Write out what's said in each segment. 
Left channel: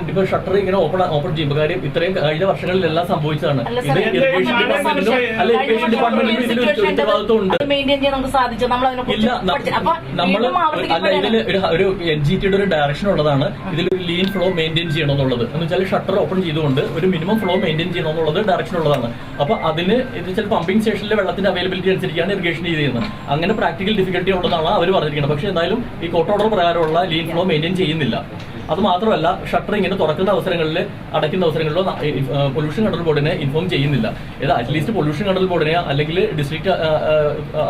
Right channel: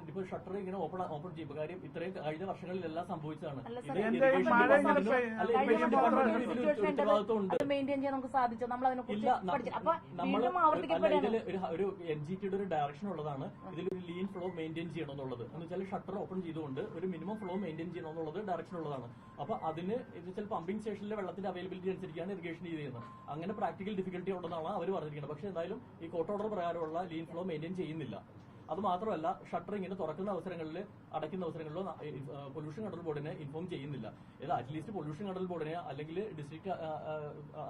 ഇപ്പൊ ഷട്ടർ ഇങ്ങനെ ഓപ്പൺ ചെയ്യുമ്പോൾ കാര്യം ഇത്രയും കഴിഞ്ഞ വർഷങ്ങളിലെല്ലാം സംഭവിച്ചതാണ്. ഇത് ഇറിഗേഷൻ ഡിപ്പാർട്ട്മെന്റിനും അല്ല ഇറിഗേഷൻ ഡിപ്പാർട്ട്മെന്റിനും ഇതിന് ഉത്തരവാദിത്വം ഉണ്ട്. ഇല്ല, നമ്മള് അല്ല ഇതിൽ ഒരു NGTയുടെ ഒരു ഡയറക്ഷൻ ഉള്ളതാണ്. ഇതിലൊരു ലീൻ ഫ്ലോ മെയിൻറ്റെയിൻ ചെയ്യണമെന്നുള്ളത് എന്ന് വെച്ചാൽ ഷട്ടർ ഓപ്പൺ ചെയ്തുകൊണ്ട് ഒരു മിനിമം ഫ്ലോ മെയിൻറ്റെയിൻ ചെയ്യണമെന്നുള്ളത് ഡയറക്ഷൻ ഉള്ളതാണ്. അപ്പൊ അതിന് ഇത് വെച്ചാൽ പമ്പിംഗ് സ്റ്റേഷനിലെ വെള്ളത്തിന്റെ അവൈലബിലിറ്റി അനുസരിച്ചാണ് ഇറിഗേഷൻ ചെയ്യുന്നത്. അങ്ങനെ പ്രാക്ടിക്കൽ ഡിഫിക്കൽറ്റി ഉള്ളതാണ് അവർ പറഞ്ഞിരിക്കുന്നത്. പക്ഷേ എന്തായാലും ഈ കോർട്ട് ഓർഡർ പ്രകാരമുള്ള ലീൻ ഫ്ലോ മെയിൻറ്റെയിൻ ചെയ്യുന്നില്ല. അത് മാത്രമല്ല ഷട്ടർ ഇങ്ങനെ തുറക്കുന്ന അവസരങ്ങളിൽ അടയ്ക്കുന്ന അവസരങ്ങളിലോ പൊല്യൂഷൻ കൺട്രോൾ ബോർഡിനെ ഇൻഫോം ചെയ്യുന്നില്ല. ഇത് അറ്റ്ലീസ്റ്റ് പൊല്യൂഷൻ കൺട്രോൾ ബോർഡിനെ അല്ലെങ്കിൽ ഡിസ്ട്രിക്ട്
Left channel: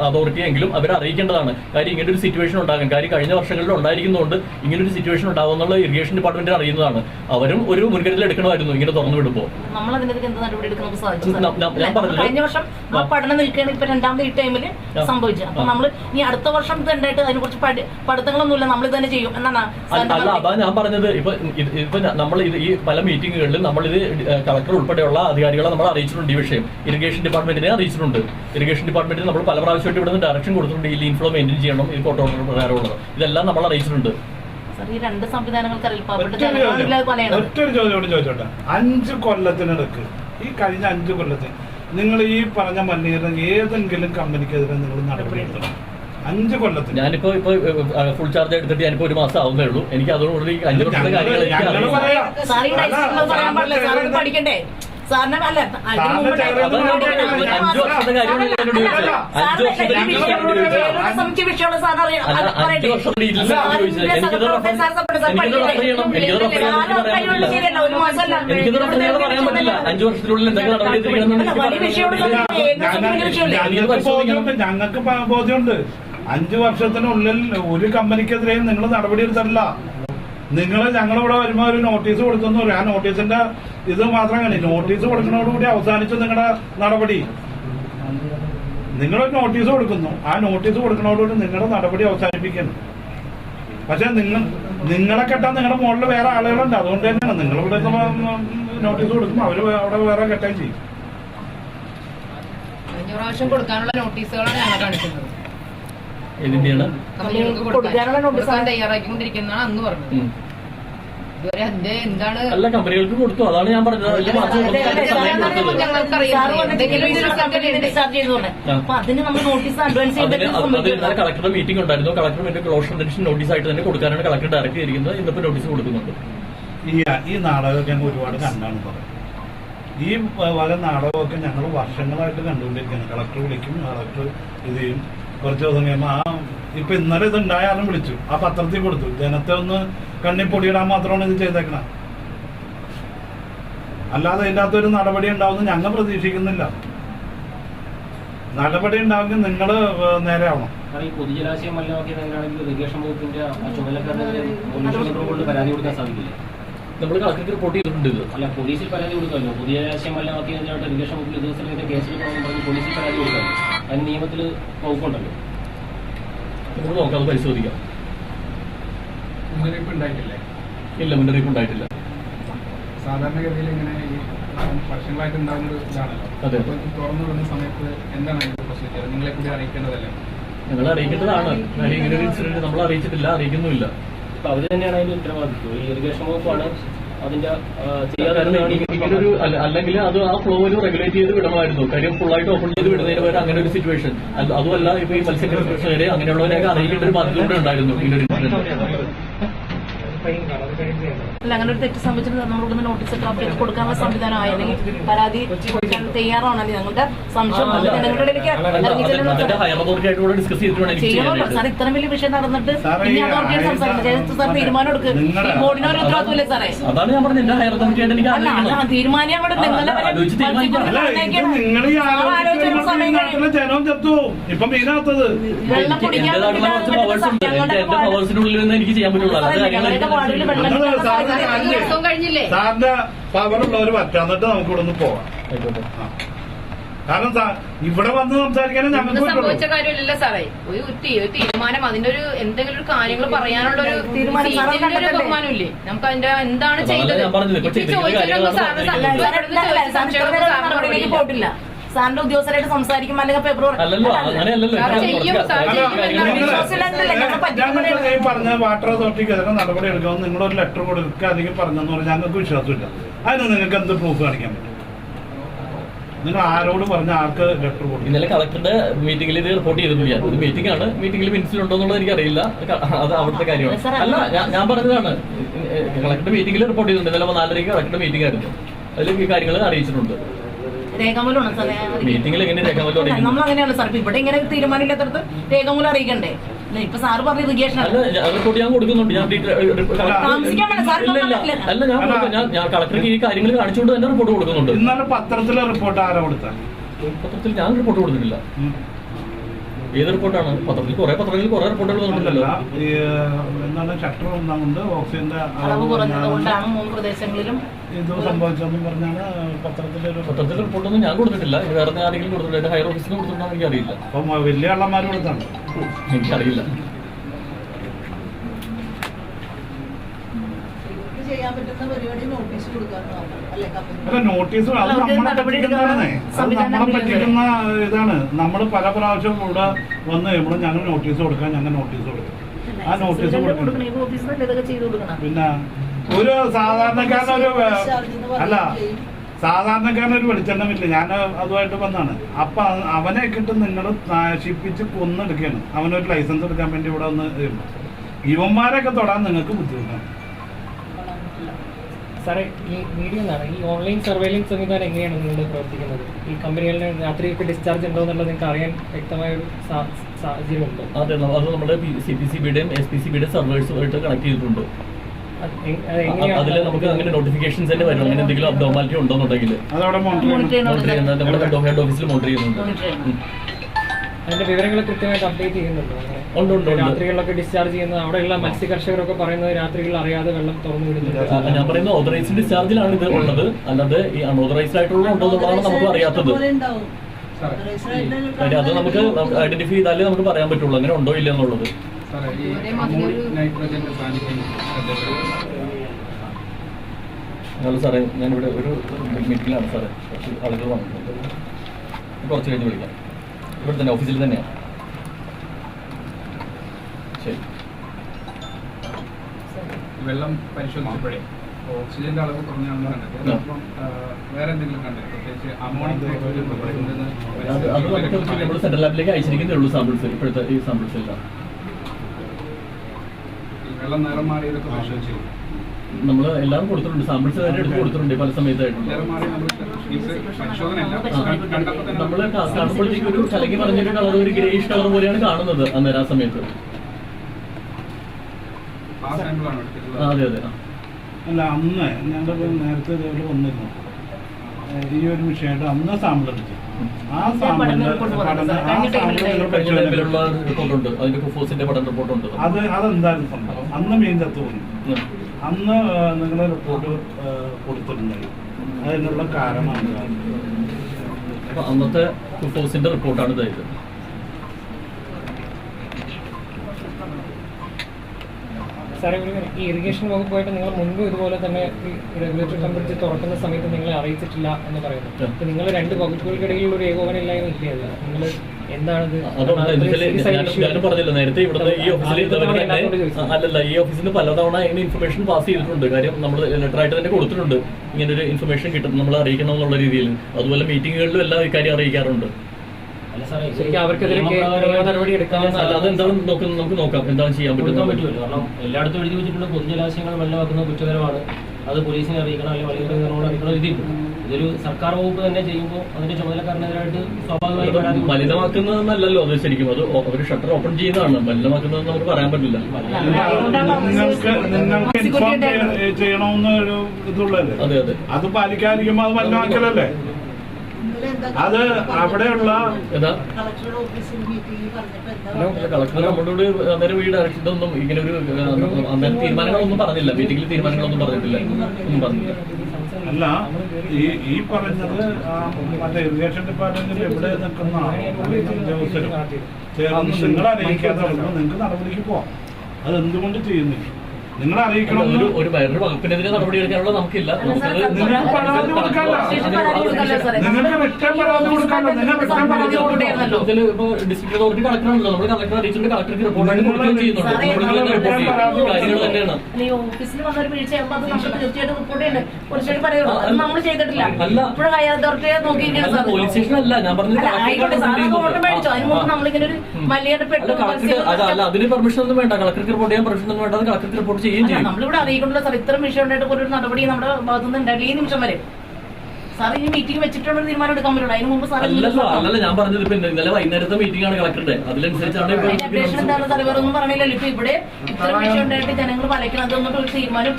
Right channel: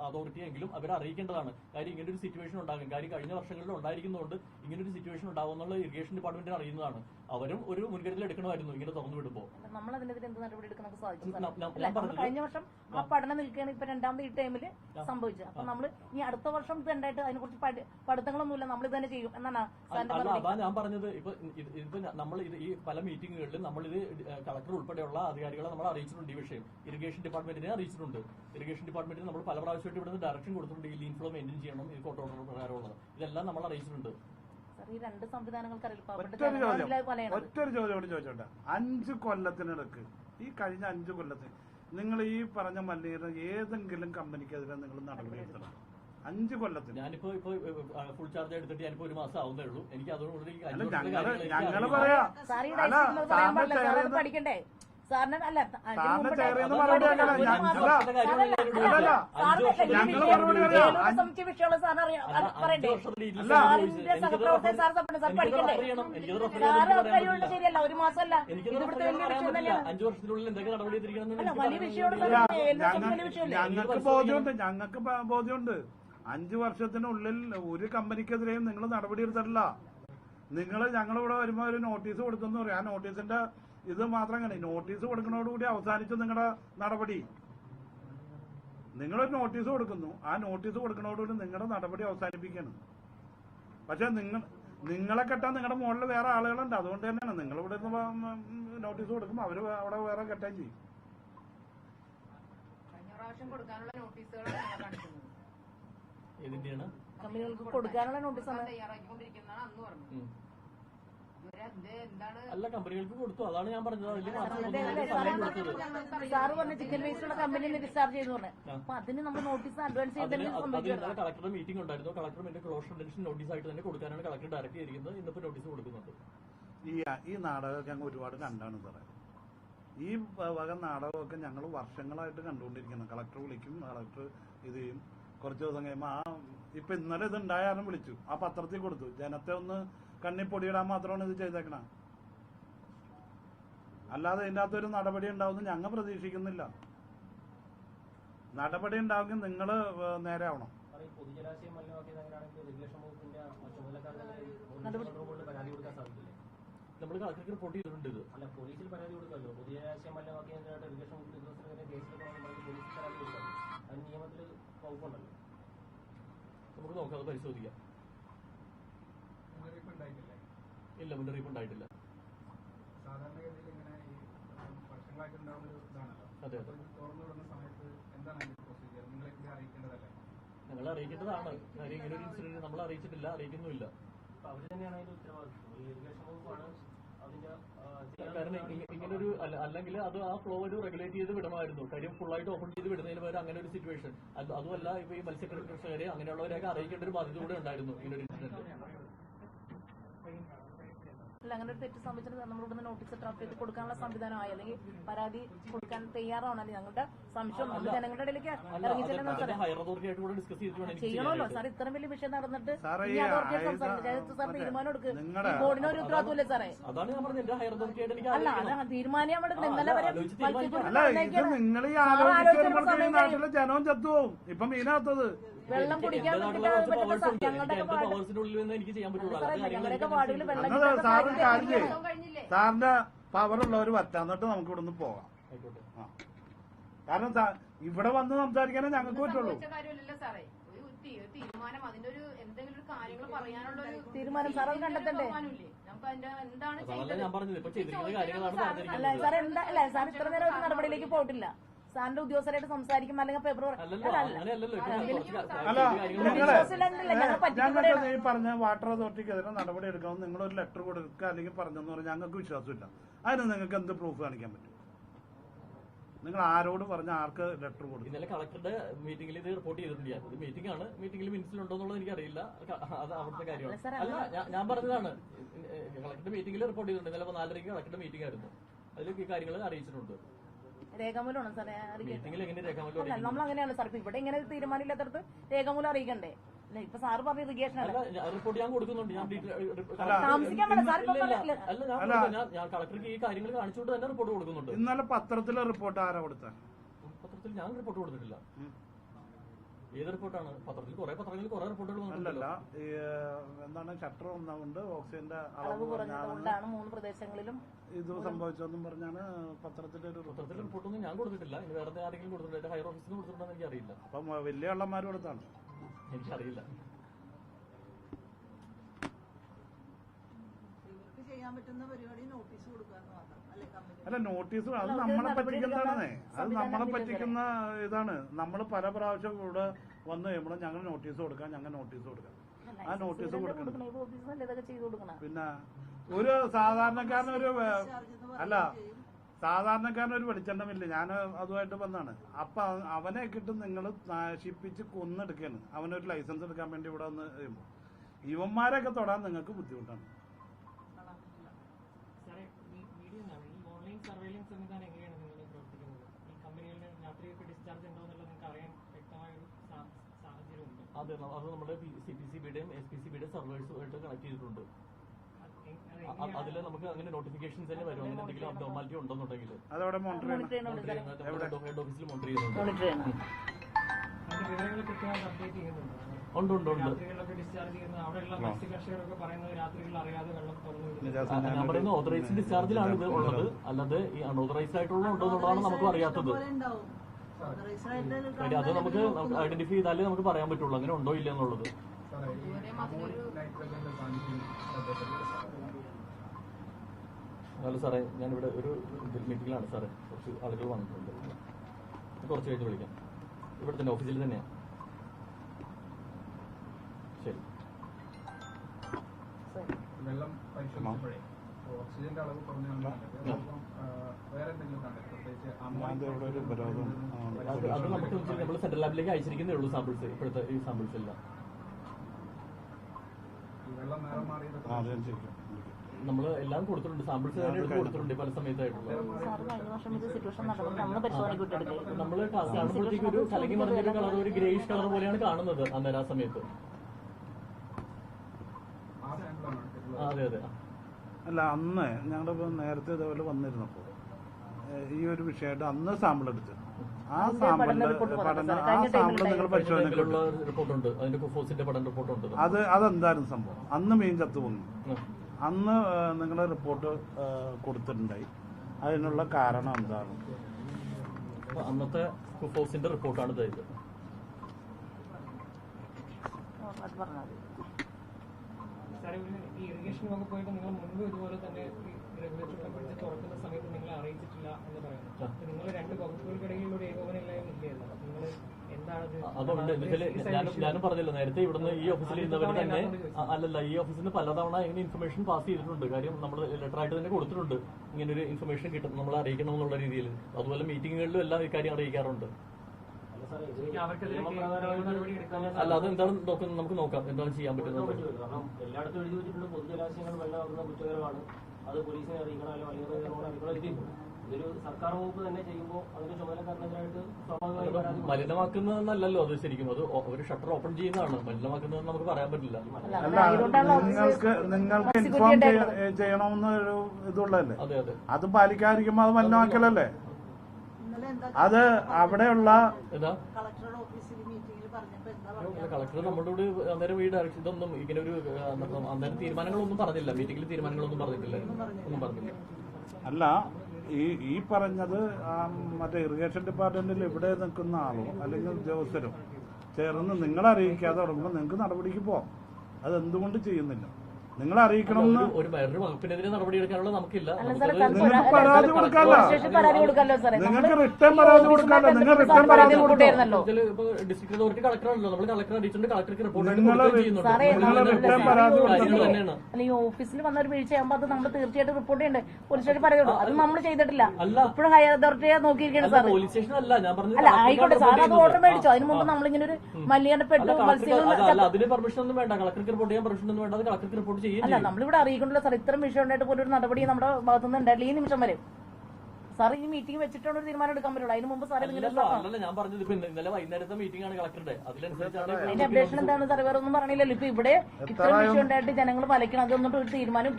അതോറിറ്റിയെങ്കിലും അവരെ അറിയിക്കേണ്ടതാണ്. കാര്യം ഇങ്ങനെ ഒരു സിറ്റുവേഷൻ ഉണ്ടാകും. കാര്യം കഴിഞ്ഞ വർഷങ്ങളിൽ ഉണ്ടായിരിക്കുന്നതുകൊണ്ട് ഇങ്ങനെ ഒരു സിറ്റുവേഷൻ ഉണ്ടാകുന്നുള്ള ഇറിഗേഷൻ ഡിപ്പാർട്ട്മെന്റിന് അറിയുന്നതാണ്. അവരും ഒരു മുൻകരുതൽ എടുക്കണമായിരുന്നു ഇങ്ങനെ തുറന്നു വിടുമ്പോൾ. ഞാൻ പറഞ്ഞത് കഴിഞ്ഞ വർഷം പഠനം നിൽക്കുകയാണ്. ഇപ്പൊ രണ്ടാമത്തെ ഈ ടൈമിൽ സംഭവിച്ചത്. അപ്പൊ നമ്മൾ ഈ അടുത്ത വർഷം ഉണ്ടായിട്ട് അതിനെ കുറിച്ച് പഠിത്തങ്ങളൊന്നുമില്ല, നമ്മൾ തന്നെ ചെയ്യും എന്നാണ്. അല്ല, അതാ ഞാൻ പറഞ്ഞത്. ഇപ്പൊ നമ്മൾ ഈ പല മീറ്റിംഗുകളിലും നമ്മളിത് കളക്ടർ ഉൾപ്പെടെയുള്ള അധികാരികളെ നമ്മൾ അറിയിച്ചിട്ടുണ്ട്. ഈ വിഷയം ഇറിഗേഷൻ ഡിപ്പാർട്ട്മെന്റിനെ അറിയിച്ചിട്ടുണ്ട്. ഇറിഗേഷൻ ഡിപ്പാർട്ട്മെന്റിന് നമ്മൾ പല പ്രാവശ്യമായിട്ട് ഇവിടെ നിന്ന് ഡയറക്ഷൻ കൊടുത്തിട്ടുണ്ട്. ഈ ലീൻ ഫ്ലോ മെയിൻറ്റെയിൻ ചെയ്യണം, ഈ കോർട്ട് ഓർഡർ പ്രകാരമുള്ളത് ഇതെല്ലാം നമ്മൾ അറിയിച്ചിട്ടുണ്ട്. ഈ രണ്ട് സംവിധാനങ്ങൾക്ക് ഒറ്റൊരു ചോദ്യം ചോദിച്ചോട്ടെ. 5 കൊല്ലത്തിനിടക്ക് ഈ കഴിഞ്ഞ 5 കൊല്ലത്തിൽ നിങ്ങൾ ഈ പറഞ്ഞ മലിനീകരണം ഏതെങ്കിലും കമ്പനിക്കെതിരെ നിങ്ങൾ നടപടിയെടുക്കണം? 5 കൊല്ലത്തിൽ ഞാനിപ്പോ ഫുൾ ചാർജ് എടുത്തിട്ട് ഞാനിപ്പോ 1 മാസം ആവുന്നേ ഉള്ളൂ. എനിക്ക് അതോടുകൂടി 5 വർഷത്തെ കാര്യങ്ങൾ പഠിക്കണ്ടേ സാറിന്? അല്ല, 5 വർഷത്തെ കാര്യമാണ് എന്നോട് ചോദിച്ചത്. 5 വർഷത്തെ വിഷയമുള്ള സാറിന് എനിക്കത് പറയാൻ പറ്റില്ല. 5 വർഷത്തിനുള്ളിൽ എന്തൊക്കെ നടപടി ഞങ്ങൾക്ക് ബോധ്യമുണ്ട്. 5 വർഷത്തിനുള്ളിൽ ഒരു കമ്പനിക്കെതിരെയും നിങ്ങൾ നടപടി എടുത്തിട്ടില്ല. നിങ്ങൾ ഞങ്ങളിവിടെ വരുമ്പോൾ ഒരു നോട്ടീസ് കൊടുക്കുന്നു. ആ നോട്ടീസിന്റെ ഇത് മാത്രം കാണി. നോട്ടീസ് കൊടുക്കുന്നതോടുകൂടി അവസാനിച്ചു നിങ്ങളുടെ നടപടി. നിങ്ങളൊരു നോട്ടീസ് കൊടുക്കുന്നു. ആ നോട്ടീസ് കൊടുക്കുന്നതോടുകൂടി നിങ്ങളുടെ നടപടി അവസാനിപ്പിക്കുന്നു. പക്ഷെ നിങ്ങളെ കെട്ടാൻ നിങ്ങളുടെ മുകളിൽ വേറെ ആളുകളുണ്ട്. അതുകൊണ്ട് തന്നെയാണ് നിങ്ങളിവിടെ നോട്ടീസ് കൊടുക്കും, അവര് അവിടെ വേറെ കെട്ടാൻ ചെയ്യും. കഴിഞ്ഞ പ്രാവശ്യം കൊടുക്കാനുള്ള നോട്ടീസുകളാണ് ഞങ്ങൾ കാണിക്കുന്നത്. തയ്യാറാക്കിക്കൊണ്ടിരിക്കുന്നതാണ് അന്ന് പറഞ്ഞത്. ഇതുവരെ അതിന്റെ എന്താണ് അല്ല, കമ്പനികൾക്ക് കൊടുത്തു. അതാണ് ഞാൻ പറഞ്ഞത്. കളക്ടറുടെ മീറ്റിംഗ് ഉണ്ടായിരുന്നു. കളക്ടർ എന്റെ ക്ലോഷർ നോട്ടീസ് ആയിട്ട് തന്നെ കൊടുക്കാനാണ് കളക്ടർ ഡയറക്റ്റ് ചെയ്തിരിക്കുന്നത്. ഇന്നിപ്പോ നോട്ടീസ് കൊടുക്കുന്നുണ്ട്. ഈ നാടകമൊക്കെ ഞങ്ങൾ ഒരുപാട് കണ്ടാണ് പറയുന്നത്. ഈ വക നാടകമൊക്കെ ഞങ്ങൾ വർഷങ്ങളായിട്ട് കണ്ടുകൊണ്ടിരിക്കുകയാണ്. കളക്ടർ വിളിക്കും, കളക്ടർ ഇത് ചെയ്യും. കുറച്ച് ദിവസം കഴിയുമ്പോൾ ഇപ്പൊ ഇന്നലെ ഇത് ഉണ്ടായാലും വിളിച്ചു, ആ പത്രത്തിൽ കൊടുത്തു. ജനത്തെ ഒന്ന് കണ്ണിൽ പൊടിയിടാൻ മാത്രമാണ് ഇത് ചെയ്തേക്കണം. അല്ലാതെ ഇതിൻ്റെ അകത്തൊരു നടപടി ഉണ്ടാവുമെന്ന് ഞങ്ങൾ പ്രതീക്ഷിക്കുന്നില്ല. നടപടി ഉണ്ടാവുമെങ്കിൽ നിങ്ങൾ നേരെ ആവണം. പൊതുജലാശയം മലിനമാക്കിയതെങ്കിൽ ഇറിഗേഷൻ വകുപ്പിന്റെ പരാതി കൊടുക്കാൻ സാധിക്കില്ല. നമ്മൾ കളക്ടർക്ക് റിപ്പോർട്ട് ചെയ്തിട്ടുണ്ട്. അല്ല, പോലീസിൽ പരാതി കൊടുക്കാമല്ലോ. പൊതുജലാശയം മലിനമാക്കിയതിനായിട്ട് ഇറിഗേഷൻ വകുപ്പിൽ ദിവസം കേസെടുക്കണമെന്ന് പറഞ്ഞ് പോലീസിൽ പരാതി കൊടുക്കാമല്ലോ. അതിന് നിയമത്തിൽ വകുപ്പുണ്ടല്ലോ. നമുക്ക് നോക്കാം, അത് പരിശോധിക്കാം. മുന്നറിയിപ്പ് ഉണ്ടായിട്ടില്ലേ? ഇല്ല, മുന്നറിയിപ്പ് ഉണ്ടായിട്ടില്ല. സാധാരണഗതിയിൽ ഇങ്ങനെ ഈ വർഷങ്ങളായിട്ട് ഉണ്ടാകുന്ന ഇതാണല്ലോ. അതെ, തുറന്നു വിടുന്ന സമയത്ത് എന്താണ് അതിന്റെ പ്രൊസീജിയർ? നിങ്ങളെ കൂടി അറിയിക്കേണ്ടതല്ലേ? ഞങ്ങൾ അറിയിക്കേണ്ടതാണ്. ഇങ്ങനെ ഒരു ഇൻസിഡന്റ് നമ്മൾ അറിയിച്ചിട്ടില്ല, അറിയിക്കുന്നുമില്ല. അപ്പൊ അവര് തന്നെയാണ് അതിന്റെ ഉത്തരവാദിത്വം. ഈ ഇറിഗേഷൻ വകുപ്പാണ് അതിന്റെ ഇങ്ങനൊരു അല്ലെങ്കിൽ അത് ആ ഫ്ലോയിൽ റെഗുലേറ്റ് ചെയ്ത് വിടണമായിരുന്നു. കാര്യം ഫുള്ളായിട്ട് ഓപ്പൺ ചെയ്ത് വിടുന്നതിന് വരെ അങ്ങനെ ഒരു സിറ്റുവേഷൻ. അതുമല്ല, ഇപ്പൊ ഈ മത്സ്യകൃഷിക്കാരെ അങ്ങനെയുള്ളവരെയൊക്കെ അറിയിക്കേണ്ട ഒരു ബാധ്യത കൂടെ ഉണ്ടായിരുന്നു ഇങ്ങനൊരു ഇൻസിഡന്റ്. അല്ല, അങ്ങനെ ഒരു തെറ്റ് സംബന്ധിച്ചിട്ട് നമ്മൾക്ക് നോട്ടീസ് കൊടുക്കാനുള്ള സംവിധാനമായി അല്ലെങ്കിൽ പരാതി കൊടുക്കാൻ തയ്യാറാണല്ലോ. ഞങ്ങളുടെ സംശയം സാർ ഇത്രയും വലിയ വിഷയം നടന്നിട്ട് ഇനി അതോറിറ്റിയാണ് സംസാരിക്കുന്നത്. സാർ തീരുമാനം എടുക്കുക. ബോർഡിന് ഒരു ഉത്തരവാദിത്വമില്ലേ സാറേ? അതാണ് ഞാൻ പറഞ്ഞത്. എന്റെ ഹയർ അതോറിറ്റിയായിട്ട് എനിക്ക് തീരുമാനം ജനവും ചത്തു. ഇപ്പം ഇതിനകത്തത് വെള്ളം കുടിക്കാൻ എന്റെ പവേഴ്സിനുള്ളിൽ നിന്ന് എനിക്ക് ചെയ്യാൻ പറ്റുള്ളൂ. കഴിഞ്ഞില്ലേ? സാറിന്റെ പവറുള്ളവർ പറ്റാന്നിട്ട് നമുക്ക് ഇവിടെ നിന്ന് പോവാം. കാരണം ഇവിടെ വന്ന് സംസാരിക്കാനും ഞങ്ങൾക്ക് സംഭവിച്ച കാര്യമില്ലല്ലോ സാറേ. ഒരു തീരുമാനം, അതിന്റെ ഒരു എന്തെങ്കിലും ഒരു കാര്യങ്ങൾ പറയാനുള്ള ഒരു ബഹുമാനം ഇല്ലേ നമുക്ക്? അതിന്റെ എന്താണ് ചെയ്തത് പോയിട്ടില്ല. സാറിന്റെ ഉദ്യോഗസ്ഥരായിട്ട് സംസാരിക്കും അല്ലെങ്കിൽ ഫെബ്രുവരി അല്ലല്ലോ അങ്ങനെയല്ലല്ലോ ഞങ്ങൾക്ക് ഈ പറഞ്ഞ വാട്ടർ അതോറിറ്റിക്കെതിരെ നടപടി എടുക്കാമെന്ന് നിങ്ങളൊരു ലെറ്റർ കൊടുക്കുക അല്ലെങ്കിൽ പറഞ്ഞെന്ന് പറഞ്ഞാൽ ഞങ്ങൾക്ക് വിശ്വാസമില്ല. അതിന് നിങ്ങൾക്ക് എന്ത് പ്രൂഫ് കാണിക്കാൻ പറ്റും? നിങ്ങൾ ആരോട് പറഞ്ഞ ആർക്ക് ലെറ്റർ കൊടുക്കും? ഇന്നലെ കളക്ടറുടെ മീറ്റിംഗിൽ ഇത് റിപ്പോർട്ട് ചെയ്തിട്ടില്ല. ഇത് മീറ്റിംഗ് ആണ്, മീറ്റിംഗിൽ മിനിറ്റ്സിലുണ്ടോ എന്നുള്ളത് എനിക്കറിയില്ല. അത് അവിടുത്തെ കാര്യമാണ്. അല്ല ഞാൻ പറഞ്ഞതാണ്, കളക്ടറുടെ മീറ്റിംഗിൽ റിപ്പോർട്ട് ചെയ്തിട്ടുണ്ട്. ഇന്നലെ 4:30 കളക്ടറുടെ മീറ്റിംഗ് ആയിരുന്നു. അതിൽ ഈ കാര്യങ്ങൾ അറിയിച്ചിട്ടുണ്ട്. രേഖാമൂലമാണ് സാർ. മീറ്റിംഗിൽ എങ്ങനെ രേഖാമൂലം അറിയിക്കും? നമ്മൾ അങ്ങനെയാണ് സാർ. ഇവിടെ ഇങ്ങനെ തീരുമാനമില്ലാത്തടത്ത് രേഖാമൂലം അറിയിക്കണ്ടേ? ഇപ്പൊ സാറ് പറഞ്ഞ ഇറിഗേഷൻ റിപ്പോർട്ട് ഞാൻ കൊടുക്കുന്നുണ്ട്. ഞാൻ ഞാൻ കളക്ടർക്ക് ഈ കാര്യങ്ങൾ കാണിച്ചുകൊണ്ട് തന്നെ റിപ്പോർട്ട് കൊടുക്കുന്നുണ്ട്. ഇന്നലെ പത്രത്തിലെ റിപ്പോർട്ട് ആരാ കൊടുത്ത? പത്രത്തിൽ ഞാൻ റിപ്പോർട്ട് കൊടുത്തിട്ടില്ല. ഏത് റിപ്പോർട്ടാണ്? പത്രത്തിൽ കുറെ റിപ്പോർട്ടുകൾ വന്നിട്ടില്ലല്ലോ. എന്താണ് ഷട്ടർ ഒന്നാമുണ്ട്, ഓക്സിജന്റെ അളവ് കുറഞ്ഞതുകൊണ്ടാണ് 3 പ്രദേശങ്ങളിലും ഇത് സംഭവിച്ചതെന്ന് പറഞ്ഞാണ് പത്രത്തിലെ റിപ്പോർട്ടൊന്നും ഞാൻ കൊടുത്തിട്ടില്ല. വേറെ ആരെങ്കിലും കൊടുത്തിട്ടില്ല. ഹയർ ഓഫീസിലും കൊടുത്തിട്ടുണ്ടോ എനിക്കറിയില്ല. അപ്പം വലിയ കള്ളന്മാർ കൊടുത്താണ്. എനിക്കറിയില്ല. അല്ല, നോട്ടീസ് അത് നമ്മളെ പറ്റിക്കുന്നതാണേ. അത് നമ്മളെ പറ്റിക്കുന്ന ഇതാണ്. നമ്മൾ പല പ്രാവശ്യം ഇവിടെ വന്ന് കഴിയുമ്പോഴും ഞങ്ങൾ നോട്ടീസ് കൊടുക്കാം. ആ നോട്ടീസ് കൊടുക്കണം. പിന്നെ ഒരു സാധാരണക്കാരനൊരു വെളിച്ചെണ്ണമില്ല. ഞാൻ അതുമായിട്ട് വന്നാണ്. അപ്പൊ അവനെ കിട്ടും നിങ്ങൾ നശിപ്പിച്ച് കൊന്നെടുക്കുകയാണ്. അവനൊരു ലൈസൻസ് എടുക്കാൻ വേണ്ടി ഇവിടെ വന്ന് ഇവന്മാരൊക്കെ തൊടാൻ നിങ്ങൾക്ക് ബുദ്ധിമുട്ടാണ്. സാറേ, ഈ മീഡിയ എന്നാണ് ഈ ഓൺലൈൻ സർവൈലൻസ് സംവിധാനം എങ്ങനെയാണ് നിങ്ങൾ പ്രവർത്തിക്കുന്നത്? ഈ കമ്പനികളിൽ രാത്രിയൊക്കെ ഡിസ്ചാർജ് ഉണ്ടോ എന്നുള്ളത് നിങ്ങൾക്ക് അറിയാൻ വ്യക്തമായ ഒരു സാഹചര്യം ഉണ്ടോ? അതെ, അത് നമ്മുടെ CPCBയുടെയും SPCBയുടെയും സർവേഴ്സുമായിട്ട് കണക്ട് ചെയ്തിട്ടുണ്ട്. അതിൽ നമുക്ക് അങ്ങനെ നോട്ടിഫിക്കേഷൻസ് തന്നെ വരും. അങ്ങനെ എന്തെങ്കിലും അബ്നോർമാലിറ്റി ഉണ്ടോന്നുണ്ടെങ്കിൽ നമ്മുടെ ഹെഡ് ഓഫീസിൽ മോണിറ്റർ ചെയ്യുന്നുണ്ട്. അതിന്റെ വിവരങ്ങൾ കൃത്യമായിട്ട് അപ്ഡേറ്റ് ചെയ്യുന്നുണ്ടോ? രാത്രികളിലൊക്കെ ഡിസ്ചാർജ് ചെയ്യുന്നത് അവിടെയുള്ള മത്സ്യ കർഷകരൊക്കെ പറയുന്നത് രാത്രികളിൽ അറിയാതെ വെള്ളം തുറന്നു വിടുന്നുണ്ട്. ഞാൻ പറയുന്നത് ഓതറൈസ്ഡ് ഡിസ്ചാർജിലാണ് ഇത് ഉള്ളത്. അല്ലാതെ ഈ അൺഓതറൈസ്ഡ് ആയിട്ടുള്ള ഉണ്ടോ എന്നുള്ളതാണ് നമുക്ക് അറിയാത്തത്. അത് നമുക്ക് ഐഡന്റിഫൈ ചെയ്താലേ നമുക്ക് പറയാൻ പറ്റുള്ളൂ അങ്ങനെ ഉണ്ടോ ഇല്ല എന്നുള്ളത്. ഹലോ സാറേ, ഞാനിവിടെ ഒരു മീറ്റിംഗിലാണ് സാറേ. കുറച്ച് ആളുകൾ വന്നിട്ടുണ്ട്. കുറച്ച് കഴിഞ്ഞ് വിളിക്കാം. ഇവിടെ തന്നെ ഓഫീസിൽ തന്നെയാണ്. ശരി. വെള്ളം പരിശോധിച്ചപ്പോഴേ ഓക്സിജന്റെ അളവ് കുറഞ്ഞാണെന്ന് കണ്ടത്. അപ്പം വേറെ എന്തെങ്കിലും കണ്ടത്? പ്രത്യേകിച്ച് അത് നമുക്ക് നമ്മൾ സെൻട്രൽ ലാബിലേക്ക് അയച്ചിരിക്കുന്നേ ഉള്ളൂ സാമ്പിൾസ്. ഇപ്പോഴത്തെ ഈ സാമ്പിൾസ് എല്ലാം വെള്ളം നിറം മാറിയതൊക്കെ പരിശോധിച്ചു. നമ്മൾ എല്ലാം കൊടുത്തിട്ടുണ്ട്. സാമ്പിൾസ് തന്നെ എടുത്ത് കൊടുത്തിട്ടുണ്ട് പല സമയത്തായിട്ടുണ്ട്. നമ്മൾ കാണുമ്പോഴത്തേക്ക് ഒരു കലങ്ങി പറഞ്ഞൊരു കളർ, ഒരു ഗ്രേഷ് കളർ പോലെയാണ് കാണുന്നത് അന്നേരം ആ സമയത്ത്. അതെ അതെ. അല്ല, അന്ന് ഞങ്ങൾ നേരത്തെ ഇതേപോലെ വന്നിരുന്നു ഈ ഒരു വിഷയമായിട്ട്. അന്ന് സാമ്പിൾ എടുത്തു. ആ സാമ്പിളിലുള്ള റിപ്പോർട്ടുണ്ട്. അതിന്റെ കുഫോസിന്റെ പഠന റിപ്പോർട്ടുണ്ട്. അതെന്തായിരുന്നു സംഭവം? അന്ന് മീൻ ചത്തു തോന്നി. അന്ന് നിങ്ങൾ റിപ്പോർട്ട് കൊടുത്തിട്ടുണ്ടായി. അതിനുള്ള കാരണം എന്താണ്? അന്നത്തെ കുഫോസിന്റെ റിപ്പോർട്ടാണ് ഇതായത്. സാറേ, ഈ ഇറിഗേഷൻ വകുപ്പായിട്ട് നിങ്ങൾ മുൻപ് ഇതുപോലെ തന്നെ ഈ റെഗുലേറ്ററി ടെമ്പറേച്ചർ തുറക്കുന്ന സമയത്ത് നിങ്ങളെ അറിയിച്ചിട്ടില്ല എന്ന് പറയുന്നു. അപ്പോൾ നിങ്ങൾ 2 വകുപ്പുകൾക്കിടയിൽ ഒരു ഏകോപനമില്ലായ്മ ഇല്ലയല്ല. നിങ്ങൾ എന്താണത്? ഞാനും പറഞ്ഞില്ല നേരത്തെ. ഇവിടുത്തെ ഈ ഓഫീസിൽ അല്ലല്ല, ഈ ഓഫീസിൽ നിന്ന് പലതവണ ഇങ്ങനെ ഇൻഫർമേഷൻ പാസ് ചെയ്തിട്ടുണ്ട്. കാര്യം നമ്മൾ ലെറ്ററായിട്ട് തന്നെ കൊടുത്തിട്ടുണ്ട്. ഇങ്ങനെ ഒരു ഇൻഫർമേഷൻ കിട്ടും, നമ്മൾ അറിയിക്കണം എന്നുള്ള രീതിയിൽ. അതുപോലെ മീറ്റിങ്ങുകളിലും എല്ലാം ഇക്കാര്യം അറിയിക്കാറുണ്ട്. അവർക്കെതിരെ നടപടി എടുക്കാൻ അതെന്താണ് നമുക്ക് നോക്കാം, എന്താണ് ചെയ്യാൻ പറ്റുന്നത്. കാരണം എല്ലായിടത്തും എഴുതി വെച്ചിട്ടുള്ള പൊതുജലാശയങ്ങൾ വെള്ളമാക്കുന്നത് കുറ്റകരമാണ്. അത് പോലീസിനെ അറിയിക്കണം, അല്ലെങ്കിൽ വഴിയോരങ്ങളോട് അറിയിക്കണം. രീതിയിലുണ്ട്. ഇതൊരു സർക്കാർ വകുപ്പ് തന്നെ ചെയ്യുമ്പോൾ അതിന്റെ ചുമതലക്കാരനെതിരായിട്ട് സ്വാഭാവികമായി മലിനമാക്കുന്നതെന്നല്ലല്ലോ അത്. ശരിക്കും അത് ഒരു ഷട്ടർ ഓപ്പൺ ചെയ്യുന്നതാണ്. മലിനമാക്കുന്നതെന്ന് നമുക്ക് പറയാൻ പറ്റില്ല. നിങ്ങൾക്ക് ഇൻഫോം ചെയ്യണമെന്നൊരു ഇതുള്ളല്ലേ? അതെ അതെ. അത് പാലിക്കാതിരിക്കുമ്പോ അത് മലിനമാക്കലല്ലേ? അത് അവിടെയുള്ള കളക്ടർ നമ്മളോട് അന്നേരം ഈ ഡയറക്ഷനൊന്നും ഇങ്ങനെ ഒരു അന്നേരം തീരുമാനങ്ങളൊന്നും പറഞ്ഞില്ല. മീറ്റിംഗിൽ തീരുമാനങ്ങളൊന്നും പറഞ്ഞിട്ടില്ല. ഒന്നും പറഞ്ഞില്ല. അല്ല, ഈ പറഞ്ഞത് മറ്റേ ഇറിഗേഷൻ ഡിപ്പാർട്ട്മെന്റിൽ എവിടെ നിൽക്കുന്ന ഉദ്യോഗസ്ഥരും ചേർന്ന് നിങ്ങളെ അറിയിക്കാതെ നിങ്ങൾക്ക് നടപടിക്ക് പോവാം. അത് എന്തുകൊണ്ട് ചെയ്യുന്നില്ല? നിങ്ങൾ അറിയിക്കണം. ഒരു വേറൊരു വകുപ്പിനെതിരെ നടപടി എടുക്കാനുള്ള നമുക്കില്ല. നിങ്ങൾക്ക് പരാതി കൊടുക്കാമല്ലോ, നിങ്ങൾക്ക് വ്യക്തം പരാതി കൊടുക്കാമല്ലോ, നിങ്ങൾ വ്യക്തം പരാതി കൊടുക്കണം. ഇതിൽ ഇപ്പൊ ഡിസ്ട്രിക്ട് അതോറിറ്റി കളക്ടറാണല്ലോ, നമ്മൾ കളക്ടർ അറിയിച്ചിട്ടുണ്ട്, കളക്ടർക്ക് റിപ്പോർട്ടായിട്ട് കൊടുക്കുകയും ചെയ്യുന്നുണ്ട്. കാര്യങ്ങൾ തന്നെയാണ്. ഈ ഓഫീസിൽ വന്നൊരു വീഴ്ചയാകുമ്പോൾ അത് നമ്മൾ തീർച്ചയായിട്ടും റിപ്പോർട്ട് ചെയ്യണ്ടേ, കുറച്ചുകൂടി പറയുള്ളൂ. അത് നമ്മൾ ചെയ്തിട്ടില്ല. ഇപ്പോഴും ഹയർ അതോറിറ്റിയെ നോക്കിയിരിക്കണം സാർ. പോലീസ് സ്റ്റേഷൻ അല്ല ഞാൻ പറഞ്ഞത്. ആയിക്കോട്ടെ സാർ, അത് ഓർഡർ മേടിച്ചോ. അതിന് മുമ്പ് നമ്മളിങ്ങനെ ഒരു വലിയ അല്ല അതിന് പെർമിഷൻ ഒന്നും വേണ്ട, കളക്ടർക്ക് റിപ്പോർട്ട് ചെയ്യാൻ പെർമിഷൻ ഒന്നും വേണ്ട, അത് കളക്ടർക്ക് റിപ്പോർട്ട് ചെയ്യുകയും ചെയ്യും. നമ്മളിവിടെ അറിയിക്കണ്ടല്ലോ സാർ. ഇത്തരം വിഷയം ഉണ്ടായിട്ട് ഒരു നടപടി നമ്മുടെ ഭാഗത്തുനിന്ന് ഉണ്ടായില്ല ഈ നിമിഷം വരെ. സാർ ഈ മീറ്റിംഗ് വെച്ചിട്ടുള്ള തീരുമാനം എടുക്കാൻ പറ്റുള്ളൂ. അതിന് മുമ്പ് സാർ അല്ലല്ല ഞാൻ പറഞ്ഞത് ഇപ്പൊ ഇന്നലെ വൈകുന്നേരത്തെ മീറ്റിംഗ് ആണ് കളക്ടറുടെ, അതിനനുസരിച്ചാണ് അപ്ഡേഷൻ എന്താണ് സാർ? വേറെ ഒന്നും പറയണില്ലല്ലോ. ഇപ്പൊ ഇവിടെ ഇത്തരം വിഷയം ഉണ്ടായിട്ട് ജനങ്ങൾ വലയ്ക്കണം, അതൊന്നും ഒരു തീരുമാനം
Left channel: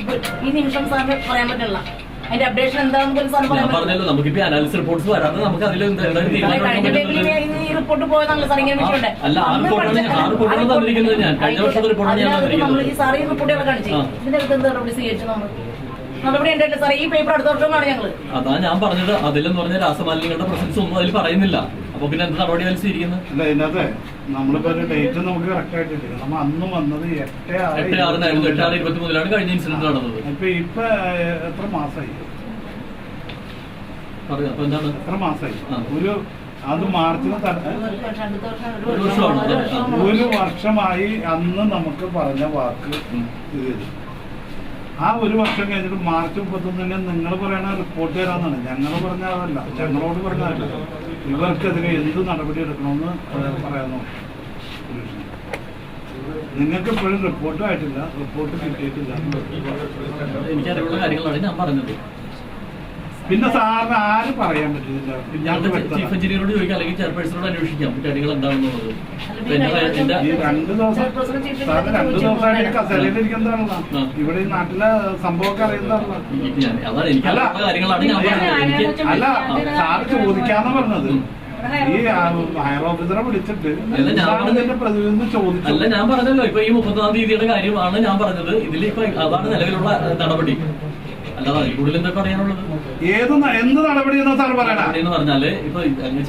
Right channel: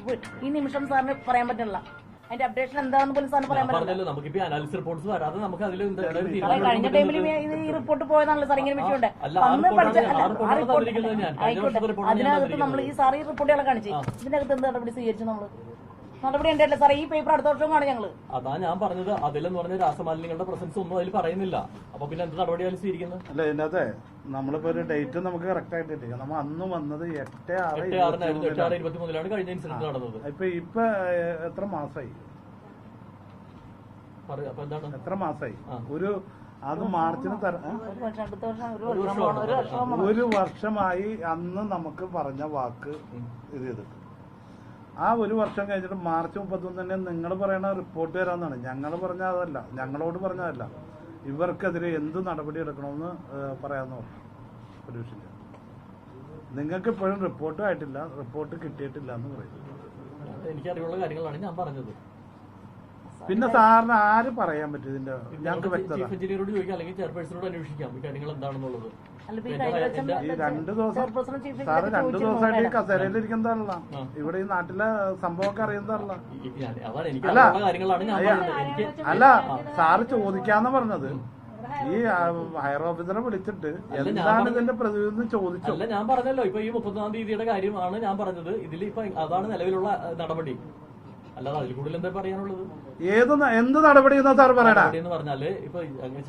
ഈ നിമിഷം സാറിന് പറയാൻ പറ്റില്ല. അതിന്റെ അപ്ഡേഷൻ എന്താണെന്ന് പോലും സാറിന് പറയാൻ പറഞ്ഞല്ലോ. നമുക്കിപ്പോ അനാലിസിസ് റിപ്പോർട്ട്സ് വരാതെ നമുക്ക് അതിൽ ഈ റിപ്പോർട്ട് പോയതാണല്ലോ സാർ. ഇങ്ങനെ വിഷയം അല്ല ആ റിപ്പോർട്ടാണ് തന്നിരിക്കുന്നത്. ഞാൻ കഴിഞ്ഞ വർഷത്തെ റിപ്പോർട്ടാണ് ഞാൻ നമ്മൾ ഈ സാർ ഈ റിപ്പോർട്ടുകൾ കാണിച്ചു. ഇതിന്റെ അടുത്ത് എന്താ നടപടി സ്വീകരിച്ചു? നമ്മൾ നടപടി ഉണ്ടായിട്ടില്ല സാർ. ഈ പേപ്പർ അടുത്ത വർഷമാണ് ഞങ്ങൾ. അതാ ഞാൻ പറഞ്ഞത്. അതിലെന്ന് പറഞ്ഞ രാസമാലിന്യങ്ങളുടെ പ്രസൻസ് ഒന്നും അതിൽ പറയുന്നില്ല. അപ്പൊ പിന്നെ എന്ത് നടപടി സ്വീകരിക്കുന്നത്? അല്ല ഇതിനകത്ത് നമ്മളിപ്പോ ഒരു ഡേറ്റ് നമുക്ക് കറക്റ്റ് ആയിട്ടില്ല. നമ്മൾ അന്ന് വന്നത് 8/6 8/6/23 കഴിഞ്ഞ ഇൻസിഡന്റ് നടന്നത്. ഇപ്പൊ എത്ര മാസമായി? പറയാം. അപ്പൊ എന്താണ് എത്ര മാസമായി? ഒരു അത് മാർച്ചിന് ഒരു വർഷമായി അന്ന് നമുക്ക് പറഞ്ഞ വാക്ക് ഇത്. ആ ഒരു വർഷം കഴിഞ്ഞിട്ട് മാർച്ച് 31 നിങ്ങൾ പറയണ റിപ്പോർട്ട് തരാന്നാണ്. ഞങ്ങൾ പറഞ്ഞ അതല്ല, ഞങ്ങളോട് പറഞ്ഞതല്ല. ഇവർക്കെതിരെ എന്ത് നടപടി എടുക്കണമെന്ന് പറയാമോ? നിങ്ങൾക്ക് ഇപ്പോഴും റിപ്പോർട്ടും ആയിട്ടില്ല, റിപ്പോർട്ട് കിട്ടിയിട്ടില്ല. എനിക്കറിയുള്ള കാര്യങ്ങളാണ് ഞാൻ പറഞ്ഞത്. പിന്നെ സാറിന് ആരും പറയാൻ പറ്റില്ല. ചീഫ് എഞ്ചിനീയറോട് ചോദിക്കാം, അല്ലെങ്കിൽ ചെയർപേഴ്സണോട് അന്വേഷിക്കാം കാര്യങ്ങൾ എന്താണെന്നുള്ളത്. ഈ 2 ദിവസമായിട്ട് കസേരയിലിരിക്കുന്നതാണല്ലോ. ഇവിടെ ഈ നാട്ടിലെ സംഭവമൊക്കെ അറിയുന്നതാണല്ലോ. അതാണ് എനിക്ക് കാര്യങ്ങളാണ് ഞാൻ പറഞ്ഞത്. അല്ല സാറ് ചോദിക്കാന്ന് പറഞ്ഞത്. ഈ ഹയർ ഓഫീസറെ വിളിച്ചിട്ട് പ്രതിനിധി ചോദിച്ചു. അല്ല ഞാൻ പറഞ്ഞല്ലോ, ഇപ്പൊ ഈ 31-ാം തീയതിയുടെ കാര്യമാണ് ഞാൻ പറഞ്ഞത്. ഇതിൽ ഇപ്പൊ അതാണ് നിലവിലുള്ള നടപടി. അല്ലാതെ അതിൽ കൂടുതൽ എന്താ പറയാനുള്ളത്? എന്ത് നടപടി സാർ പറയണ എന്ന് പറഞ്ഞാല് ഇപ്പൊ അങ്ങനെ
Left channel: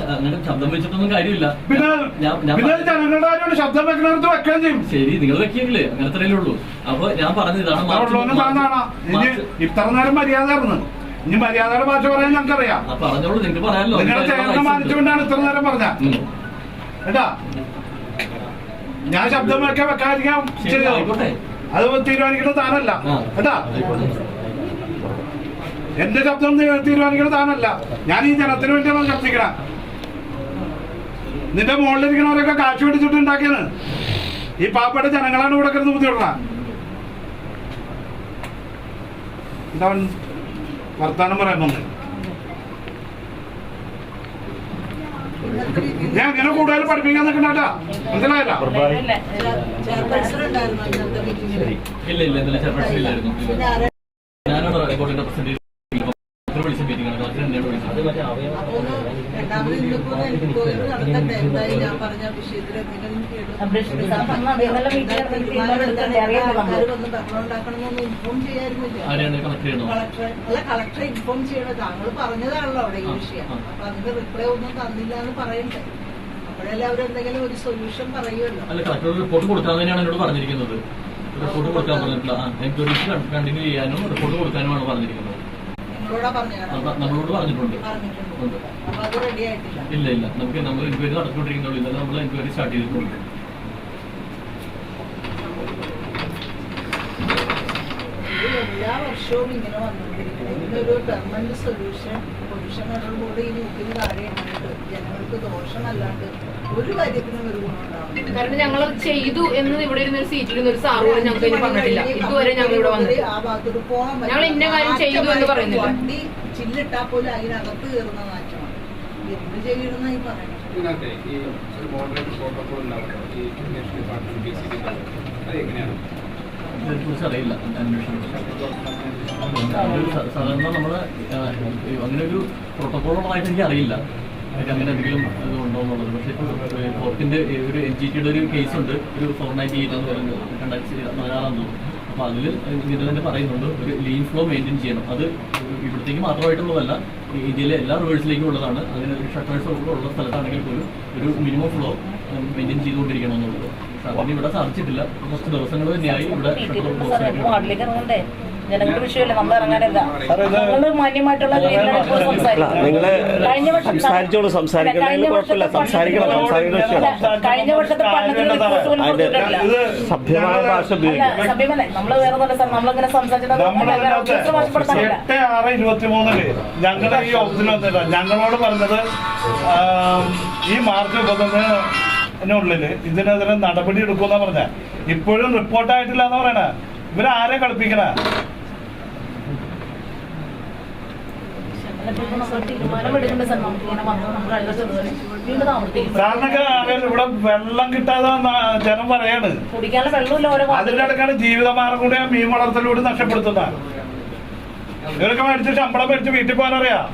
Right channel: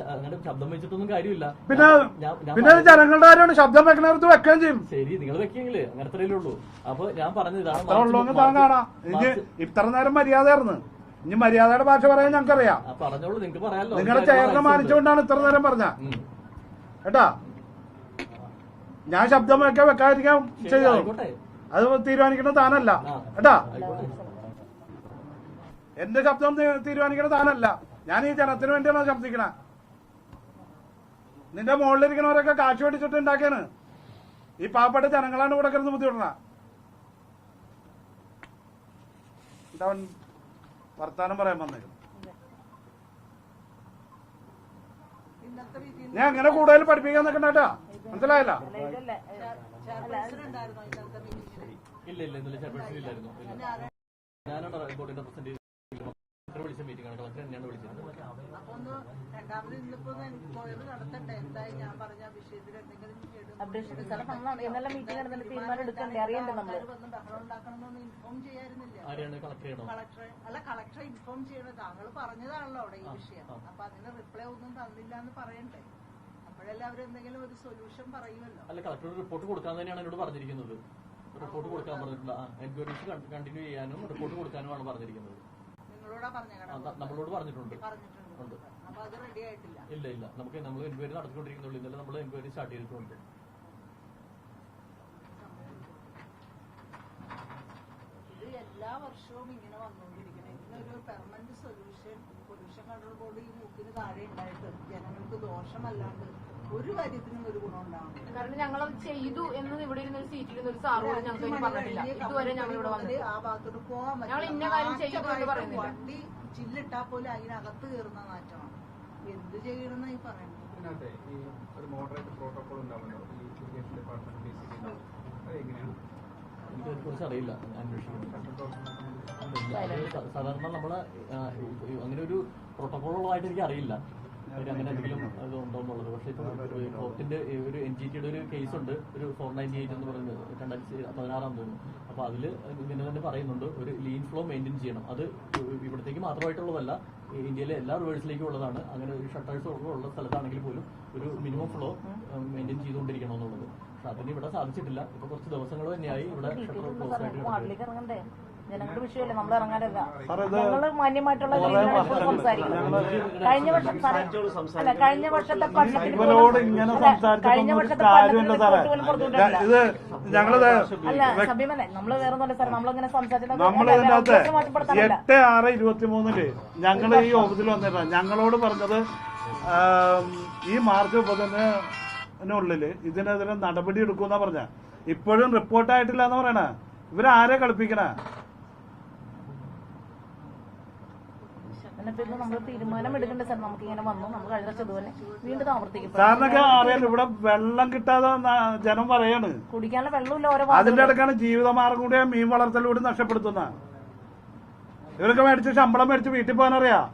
ശബ്ദം വെച്ചിട്ടൊന്നും കാര്യമില്ല. പിന്നെ ജനങ്ങളുടെ കാര്യമാണ്, ശബ്ദം വെക്കണത് വെക്കുകയും ചെയ്യും. ശരി, നിങ്ങൾ വെക്കിയെങ്കിലേ അങ്ങനെ അത്രയല്ലേ ഉള്ളൂ. അപ്പൊ ഞാൻ പറഞ്ഞത് ഇതാണ്. ഇത്ര നേരം മര്യാദയായിരുന്നു. ഇനി മര്യാദയുടെ ഭാഷ പറയാൻ ഞങ്ങൾക്കറിയാം. പറഞ്ഞോളൂ, നിങ്ങൾക്ക് പറയാമല്ലോ. നിങ്ങളെ ചേർന്ന് മാനിച്ചുകൊണ്ടാണ് ഇത്ര നേരം പറഞ്ഞ കേട്ടാ. ഞാൻ ശബ്ദം വെക്കാതിരിക്കാൻ ചെയ്തോ? അത് തീരുമാനിക്കുന്നത് താനല്ല കേട്ടാ. എന്റെ ശബ്ദം തീരുമാനിക്കുന്നത് താനല്ല. ഞാൻ ഈ ജനത്തിന് വേണ്ടിയാണ് ശബ്ദിക്കണ. നിന്റെ മുകളിലിരിക്കണവരൊക്കെ കാശ് പിടിച്ചിട്ട് ഉണ്ടാക്കിയാണ്. ഈ പാവപ്പെട്ട ജനങ്ങളാണ് ഇവിടെ കിടന്ന് ബുദ്ധിമുട്ടണ. ഇതവൻ വർത്താനം പറയാൻ വന്നത്. ഞാൻ ഇങ്ങനെ കൂടുതൽ പഠിപ്പിക്കാൻ നിൽക്കണ്ടാ, മനസ്സിലായല്ല? ഇല്ല ഇല്ല ഇന്നലെ ചെയർപേഴ്സൺ ഇല്ലായിരുന്നു. ഞാനാണ് റിപ്പോർട്ടിന്റെ പ്രസന്റ് വിളിച്ച മീറ്റിംഗ് ആണ്. കളക്ടറെ ഇൻഫോം ചെയ്യണോ? താങ്കൾ പറഞ്ഞതാണല്ലോ അവിടെ ഈ വിഷയം. അപ്പൊ അതിന്റെ റിപ്ലൈ ഒന്നും തന്നില്ല എന്ന് പറയണ്ടേ? അപ്പോഴല്ലേ അവരെന്തെങ്കിലും ഒരു സൊല്യൂഷൻ പറയുമല്ലോ. അല്ല, കളക്ടർ റിപ്പോർട്ട് കൊടുക്കാൻ തന്നെയാണ് എന്നോട് പറഞ്ഞിരിക്കുന്നത്. റിപ്പോർട്ട് കൊടുക്കാൻ പറഞ്ഞിട്ടില്ല. എൻക്വയറീസ് കണ്ടിന്യൂ ചെയ്യാനും റിപ്പോർട്ട് കൊടുക്കാനുമാണ് പറഞ്ഞിരിക്കുന്നത്. നമ്മളോട് പറഞ്ഞിട്ടുണ്ട്. ഇല്ല ഇല്ല, നമുക്ക് നമ്മൾ എൻക്വയറി നടത്തിക്കൊണ്ടിരിക്കുന്നുള്ളൂ. ഇന്നലെ നമ്മൾ എൻക്വയറി സ്റ്റാർട്ട് ചെയ്തിട്ടുണ്ട്. എല്ലാ വർഷവും ഇങ്ങനെ വന്നുകൊണ്ടിരിക്കുന്നത്. ഇതിനൊരു പെർമനന്റ് സൊല്യൂഷൻ പൊല്യൂഷനോടുകൂടി ഈ ലൂപ്പിന് താഴെയായിട്ട് ജനങ്ങൾക്ക് ദോഷമല്ലാണ്ട് ഒരു കാര്യത്തിനും ഒരു ഗുണം ഉണ്ടാവും. കാരണം ഞങ്ങൾ ചെയ്തു എന്ന് ഇവിടെ ഇരുന്ന ഒരു സീറ്റിൽ ഒരു സാറ് ഞങ്ങൾക്ക് പറഞ്ഞിട്ടില്ല. ഇതുവരെ ഞങ്ങൾ ഇവിടെ വന്നിട്ട് ആ ഭാഗത്തോട്ട് പോകാൻ ഞങ്ങൾ ഇന്ന കാര്യം ചെയ്തു എന്ന് പറയുന്നില്ല. വണ്ടി ചില്ലിട്ടാ പോലും അതിനകത്ത് കയറുന്ന നാറ്റമാണ്. എന്ത് ചെയ്യണമെന്നായി പറയുന്നത്? ഇതിനകത്ത് ഈ ഒരു മോഡറേറ്റ് പ്രോട്ടോകോൾ ഉണ്ടാവുമല്ലോ, ഈ ഇറിഗേഷൻ ഡിപ്പാർട്ട്മെന്റ് അത് എങ്ങനെയാണ്? ഇതിനെക്കുറിച്ച് അറിയില്ല. സാധാരണ നമ്മുടെ അങ്ങനെ ഒരു പ്രോട്ടോകോളുള്ളതായിട്ട് എനിക്ക് അറിയില്ല. അങ്ങനെ എന്തെങ്കിലും ഇത് ഉണ്ടോ എന്നുള്ളത്. പക്ഷേ കോർട്ടിന്റെ ഒരു NGT-യുടെ ഒരു കേസുണ്ട്, ഒരു 498 എന്ന് പറയുന്നത് 2016 തോന്നുന്നു. അപ്പോൾ അതിൽ ഇത് തന്നെ പറയുന്നുണ്ട്, ഒരു ലീൻ ഫ്ലോ മെയിൻറ്റെയിൻ ചെയ്യണം. അത് ഇവിടത്തേക്ക് മാത്രമായിട്ടുള്ളതല്ല, ഇന്ത്യയിലെ എല്ലാ റിവേഴ്സിലേക്കും ഉള്ളതാണ്. അങ്ങനെ ഷട്ടേഴ്സ് ഉള്ള സ്ഥലത്താണെങ്കിൽ പോലും ഒരു മിനിമം ഫ്ലോ മെയിൻറ്റെയിൻ ചെയ്തുകൊണ്ടിരിക്കണം എന്നുള്ളത്. അതിന് ഇവിടെ സാധിച്ചിട്ടില്ല. കുറച്ച് ദിവസങ്ങൾ തന്നെയായി ഇവിടെ വാർഡിലേക്ക് ഇറങ്ങണ്ടേ? ജനങ്ങളുടെ വിഷയമല്ലേ, നമ്മൾ ഇറങ്ങാനല്ല. നമ്മള് മാന്യമായിട്ടുള്ള സംസാരിച്ചോളൂ, സംസാരിക്കണമെങ്കിൽ കുഴപ്പമില്ല, സംസാരിക്കണം. സഭ്യമല്ലേ, നമ്മള് വേറെ നല്ല സ്ഥലം നമ്മളിങ്ങനെ സംസാരിച്ചിട്ട് 8/6/23 ഞങ്ങൾ ഈ ഓഫീസിൽ വന്നില്ല. ഞങ്ങളോട് പറഞ്ഞത് ഈ മാർച്ച് 31-നുള്ളില് ഇതിനെതിരെ നടപടി എടുക്കുമെന്നാ പറഞ്ഞ. ഇപ്പോഴും റിപ്പോർട്ടായിട്ടില്ല എന്ന് പറയണ. ഇവരാരെ കളിപ്പിക്കണ? സാറിനൊക്കെ അറിയാലോ, ഇവിടെ വെള്ളം കിട്ടാതെ ജനം പറയാണ്. കുടിക്കാനുള്ള വെള്ളമില്ല. അതിന്റെ ഇടക്കാണ് ജീവിതമാർഗം കൂടി മീൻ വളർത്തലൂടെ നഷ്ടപ്പെടുത്തുന്ന. ഇവരൊക്കെ മേടിച്ച് ശമ്പളം മേടിച്ച് വീട്ടിൽ പോകാനറിയാം.